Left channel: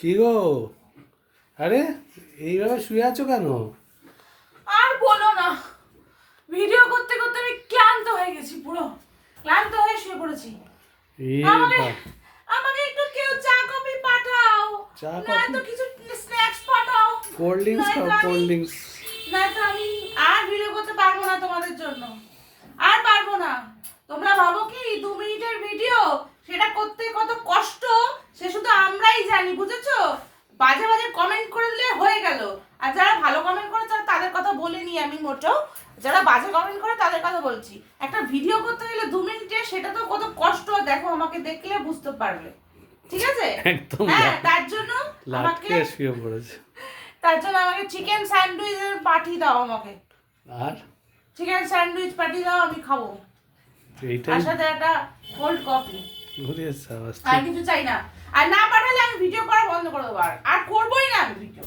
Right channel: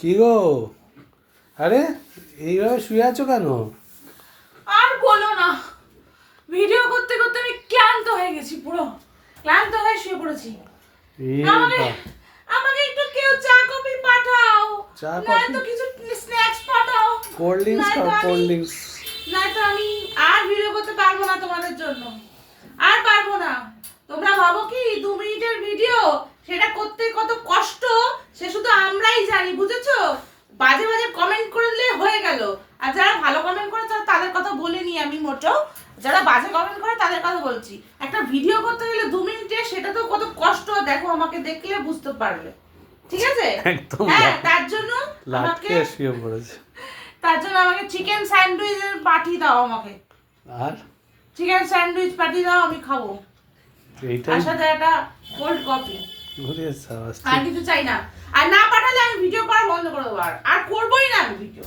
কি গো? আরে এইভাবে শুয়ে আছো কেন? আর বলো না, ভিডিও করতে করতে আমি ক্লান্ত হয়ে গেছি, পুরো ক্লান্ত হয়ে শুয়ে পড়েছি। এই আমাকে বা, আমাকে একটু কেউ চা কফি পাঠাও, চা নয়তো কফি, কিছু স্ন্যাক্স পাঠাও, কোল্ড ড্রিঙ্কস খাও, কোল্ড ড্রিঙ্কস। নয়তো আমি আর ভিডিও করতে পারবো না তোমাদের জন্য, আর পারবো না। তোমরা ভাবো কি 2 মিনিটের ভিডিও, সেটা করতে কত কষ্ট সে শুধু আমরাই জানি, বুঝেছো? বাজে বাজে কমেন্ট করলে হয়ে গেল, আর যারা ভালো কমেন্ট করে তাদের কথা বলিনি আমি মোটেও, যারা বাজে কমেন্ট করে তাদের কথা বলছি। একটা ভিডিও করতে গেলে 2 মিনিটে, সেটা তো কত কষ্ট, দেখো আমাকে দেখলে বুঝতে পারবে, ঠিক আছে? একদম হ্যাঁ, তার জন্য আমাকে লাটকে শুয়ে পড়েছে। চিকেন স্যান্ডউইচ পাঠিয়ে দাও আমাকে। আর চিকেন স্যান্ডউইচ পাঠিয়ে দাও, আমি খাবো, এইটাই তার সাথে একটা কোল্ড কফি। ঘুরে সাবাস। আর কিছু চাই না। আর না পাঠালে আমি ভিডিও করা বন্ধ করে দেবো, আর করবোই না আমি ভিডিও।